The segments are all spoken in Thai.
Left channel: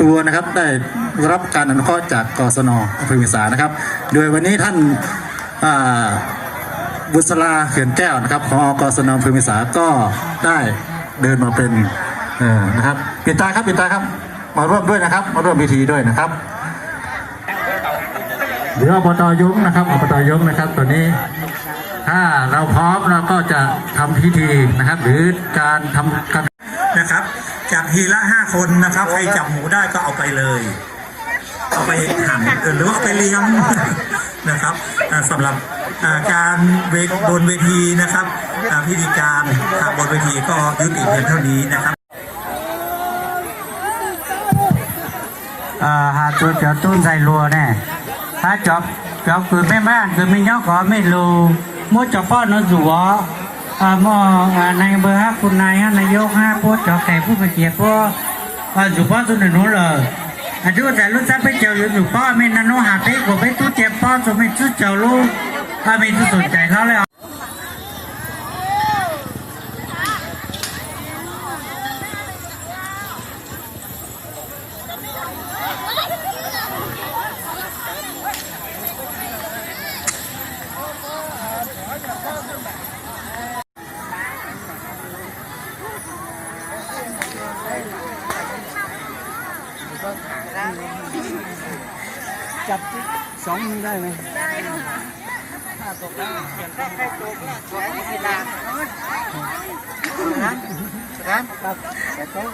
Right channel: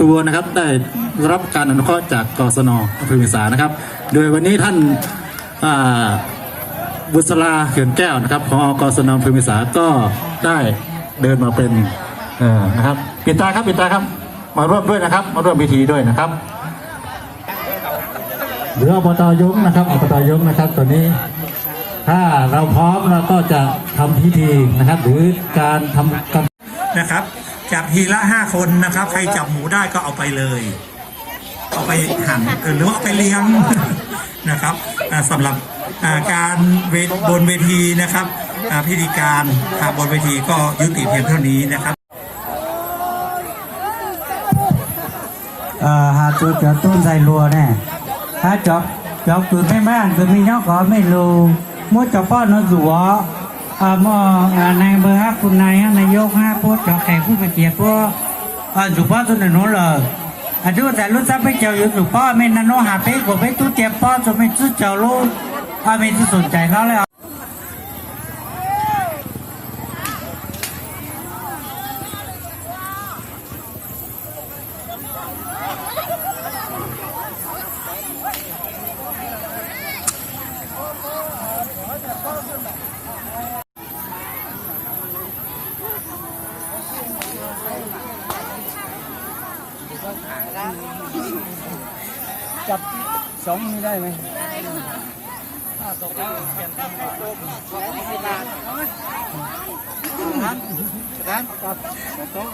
ตัวนะครับได้รับการอนุเคราะห์จากกศนอภอเวียงสานะครับ โดยวันนี้ท่านบุษราเขื่อนแก้วนะครับของกศนอภอเวียงสาก็ได้เดินมาเป็นนะครับปิดตาครับปิดตาครับมาร่วมด้วยนะครับ มาร่วมพิธีด้วยนะครับเดี๋ยวอบตยงนะครับอบตยงนะครับตอนนี้ถ้าเราพร้อมเราก็จะทำพิธีนะครับ หรือการทำการนะครับ จากทีละห้าคนนะครับ ใครจับหมูได้ก็เอาไปเลย เอาไปหั่นหรือว่าไปเลี้ยงนะครับอ่าสำหรับการบนเวทีนะครับพิธีการบนเวทีก็ยุติเพียงเท่านี้นะครับ ờ hà tôi cho tôi dạy lùa nè hà cho cho cứ mấy má cứ mình nhóc có mấy lù mua cho พ่อบป้อนนอนสัว มอนายเบอร์ฮะคุณนายฮะนายกฮะพูดขอแขกผู้มาเจียรติพวกสุภาพสุนู้นเลยอายุแต่ลูกจักไปเจียวอยู่สุภาพไม่นานนู้นหาไปกว่าไปตู้เจียป้อจนไม่ชุดเจ้าลูกถ้าไม่สนใจเขาเลย จับสองมือได้ไหมได้ค่ะถ้าตกแล้วถ้าใครตกนะแขนไม่ได้นะนะกับแต่โต๊ะ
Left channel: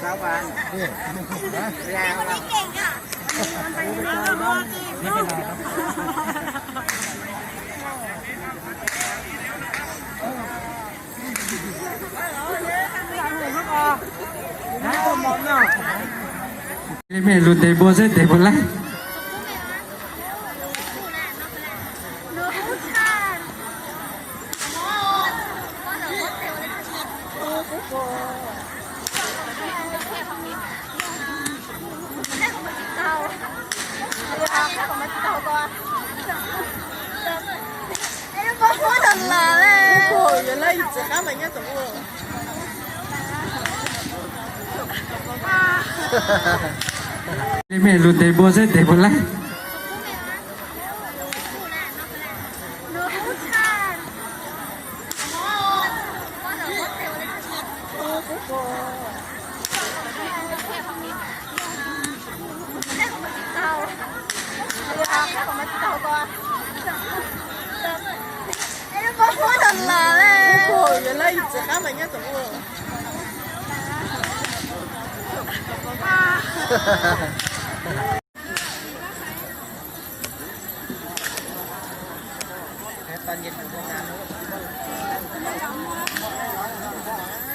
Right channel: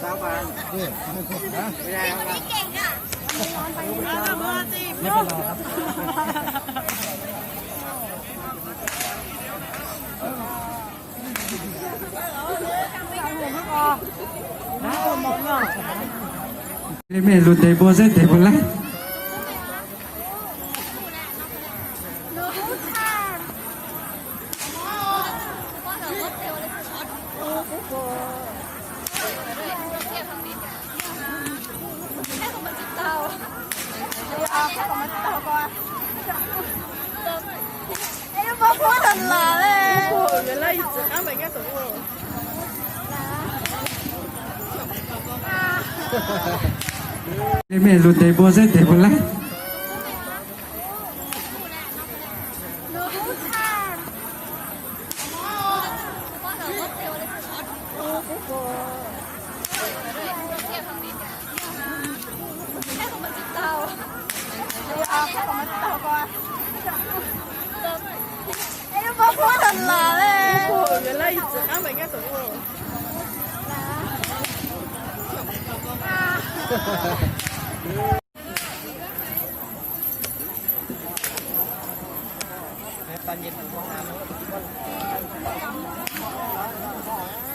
สาวบานนี่ไม่เป็นไรครับ ไม่รู้แต่โบเสแต่โบละ Em không có thật là lên Ủa, vậy là gì chứ? Áp lại nghe tổng rồi Mẹ đùn tế bố sẽ tế bố lắm của cô tao Ê, nó bó quá thật là lên Ủa, vậy là gì chả mày nghe tụi Hãy subscribe cho kênh Ghiền Mì Gõ Để không bỏ lỡ những video hấp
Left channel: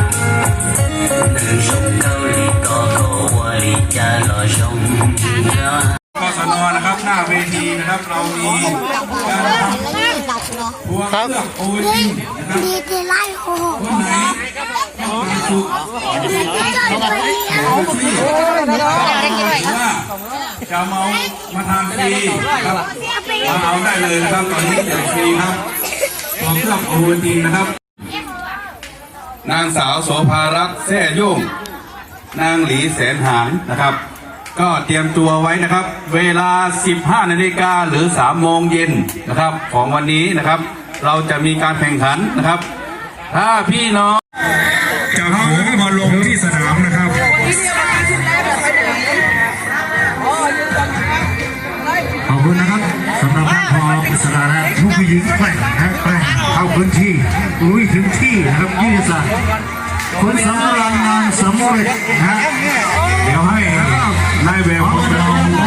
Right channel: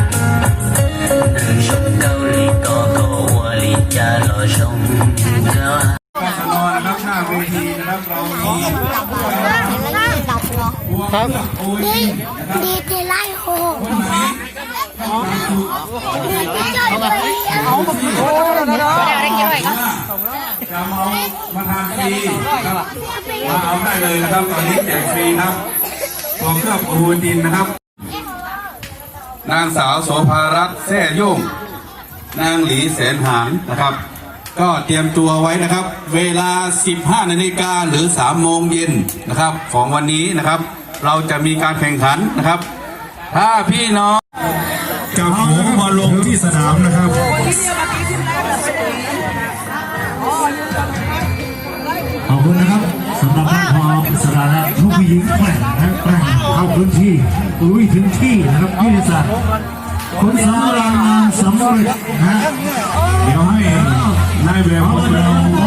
รับเรามีบัวเครื่องโอลินนะครับดีเจไล่โควันไหนเอาจะเมามาทำฟรีครับเอาได้เลยนะครับตอนนี้แจกฟรีนะครับของเครื่องโอลินนะครับ นางสาวโสภารัตน์แท่ยุ่งนางหลีแสนหางนะครับ ก็เตรียมตัวไว้นะครับ เวลา 15 นาฬิกาหรือ 3 โมงเย็นนะครับ ของวันนี้นะครับ เราจะมีการแข่งขันนะครับ ถ้าพี่น้องจับหมูมาลงที่สนามนะครับขอบคุณนะครับสำหรับทานพออิสระและผู้ผู้หญิงแกร่งนะแกร่งเข้าพื้นที่ลุยถึงที่นะครับยี่สิบคุณสารายงานสำเร็จนะเดี๋ยวให้ time é bom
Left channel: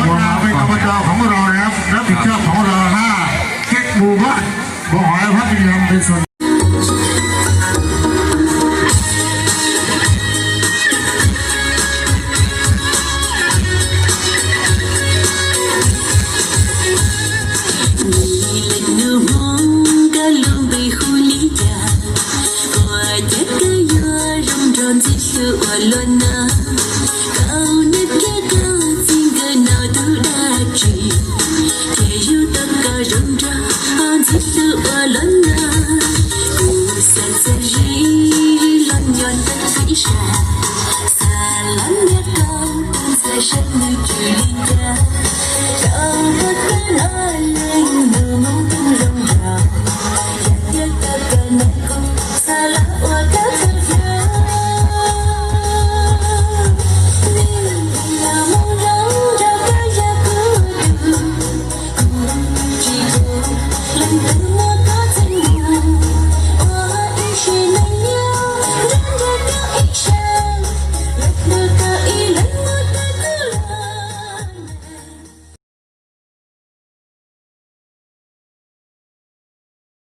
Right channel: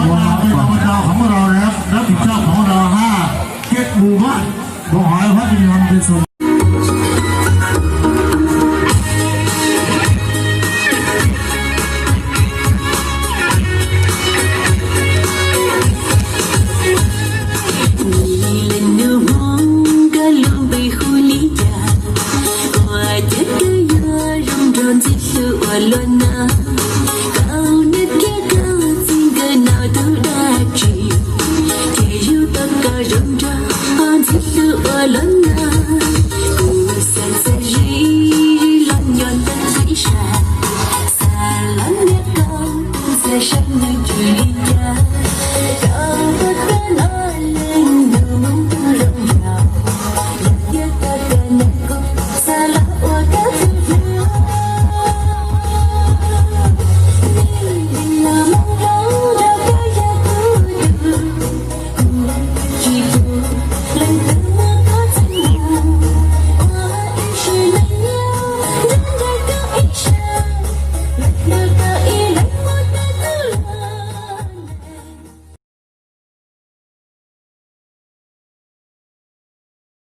London.